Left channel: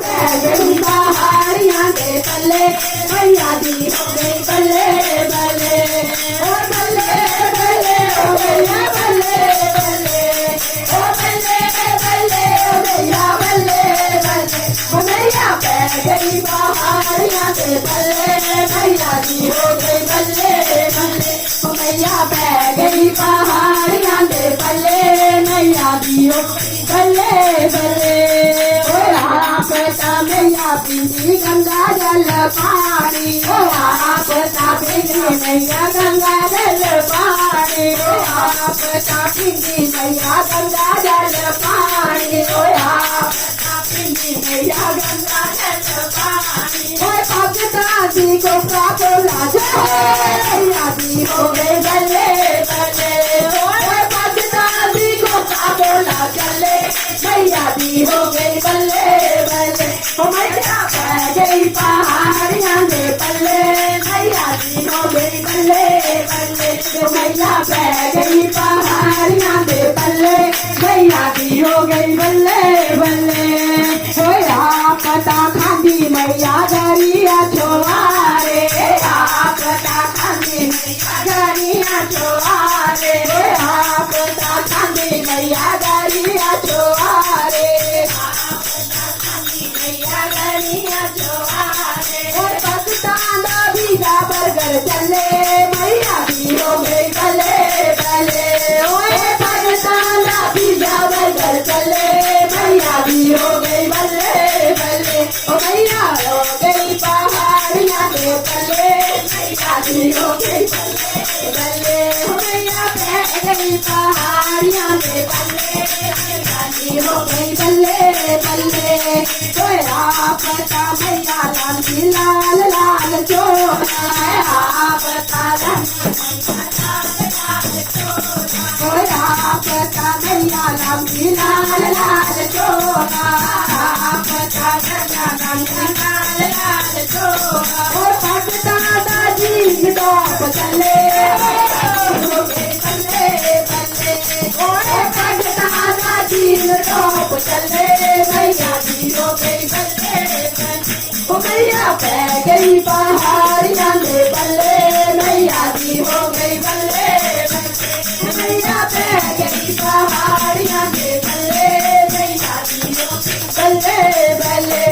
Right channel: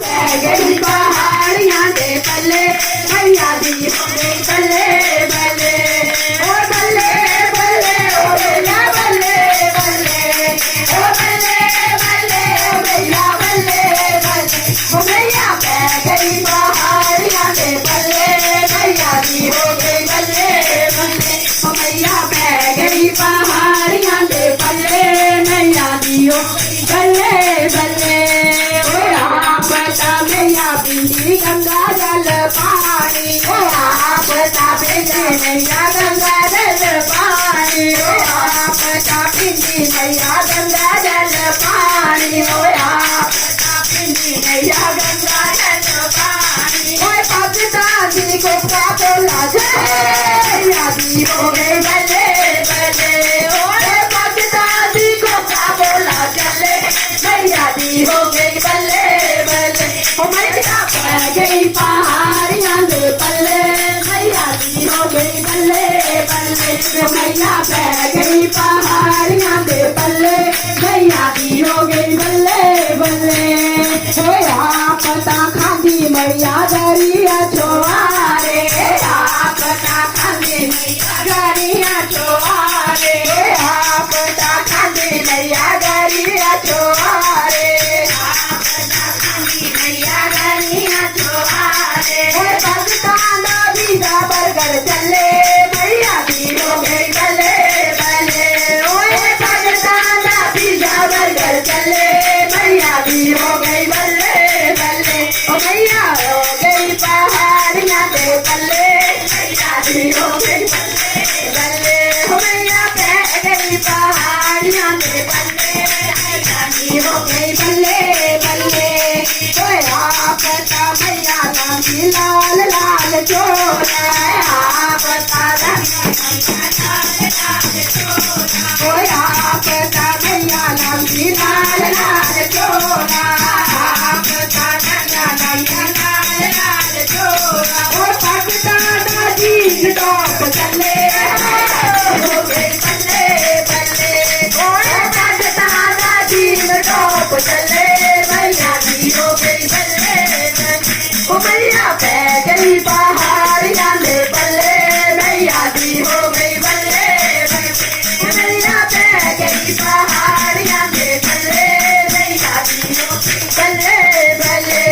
गई पहाड़ियां के पल्ले मैया दी हो गई बल्ले बल्ले ओ बल्ले बल्ले ओ भैया बल्ले बल्ले ओ बल्ले बल्ले ओ भैया बल्ले बल्ले ओ मैया पै गई पहाड़ियां के पल्ले मैया दी हो गई बल्ले बल्ले ओ मैया पै गई पहाड़ियां के पल्ले मैया दी हो गई बल्ले बल्ले मैया पीली गंगा जल पानी आप पीली मैया गंगा जल पानी आप पीली मैया गंगा जल पानी आप पीली मैया गंगा जल पानी पाकिस्तानी को क्या बोला मैया दी हो गए बल्ले बल्ले पाकिस्तानी को क्या बोला चले मैया दी हो गई बल्ले बल्ले ओ मैया पै गई पहाड़ियां के पल्ले मैया दी हो गई बल्ले बल्ले ओ मैया पै गई पहाड़ियां के पल्ले मैया दी हो गई बल्ले बल्ले होया पता खांदी मैया दरिया छोआरे पता खांदी मैया दरिया छोआरे पता खांदी मैया दरिया छोआरे बरगर चले मैया दी हो गई बल्ले बल्ले ओए पाकिस्तान पिज़्ज़ा बर्गर चले मैया दी हो गई बल्ले बल्ले ओ मैया हो गई पहाड़ियां के पल्ले मैया दी हो गई बल्ले बल्ले ओ मैया पै गई पहाड़ियां के पल्ले मैया दी हो गई बल्ले बल्ले पता मैया लाली लाल लाल चोला पता पता मैया लाली लाल लाल चोला पता लाल लाल चोला पता दादी टॉप चले हो गए बल्ले बल्ले पता दादी टॉप चले मैया दी हो गई बल्ले ओ मैया पै गई पहाड़ियां के पल्ले मैया दी हो गई बल्ले मैया पै गई पहाड़ियां के पल्ले मैया दी हो गई बल्ले बल्ले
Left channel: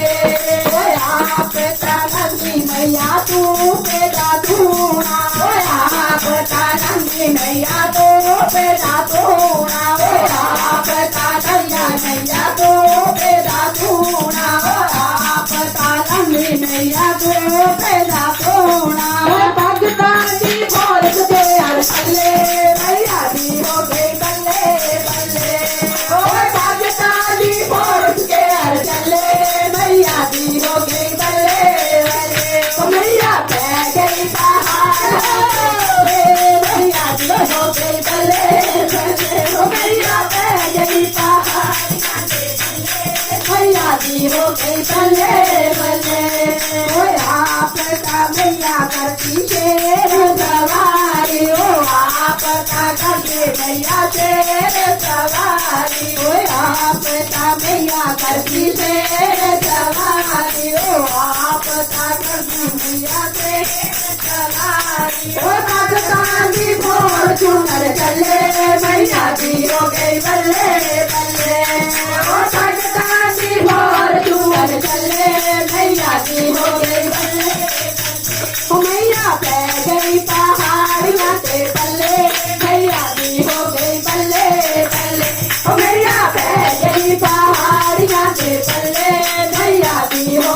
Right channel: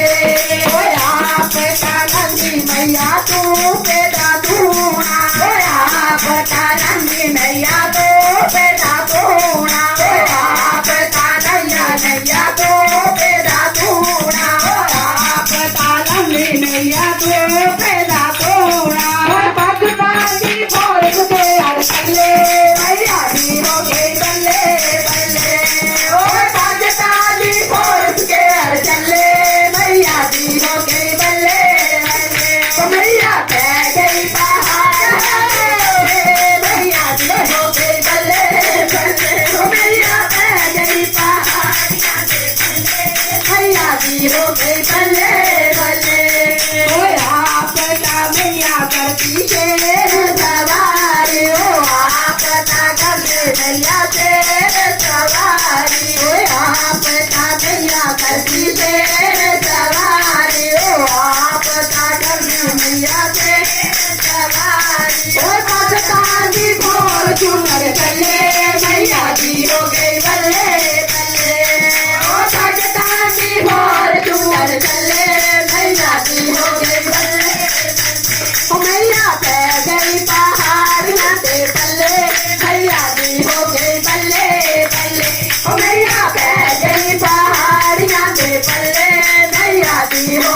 ओया पता नंदी मैया तू पैदा दूना ओया पता नंदी मैया तो पैदा दूना ओया पता नंदा मैया तो पैदा दूना मैया तो पैदा थोड़ा पाकिस्तानी फौज के हर पल्ले मैया दी हो गई बल्ले बल्ले ओ पाकिस्तानी फौज के हर चले मैया दी हो गई बल्ले बल्ले ओ मैया पै गई पहाड़ मैया दी हो गई बल्ले बल्ले ओ मैया पै गई पहाड़ियां के पल्ले मैया दी हो गई बल्ले बल्ले मैया करती शेर सवारी ओ आपता करते मैया शेर सवारी ओ आपता मैया करती शेर सवारी ओ आपता करते मैया शेर सवारी ओ पाकिस्तानी भोर चुनर चले मैया दी हो गई बल्ले बल्ले ओ पाकिस्तानी भोर चुनर चले मैया दी हो गई बल्ले मैया पै गई पहाड़ियां के पल्ले मैया दी हो गई बल्ले बल्ले ओ मैया पै गई पहाड़ियां के पल्ले मैया दी हो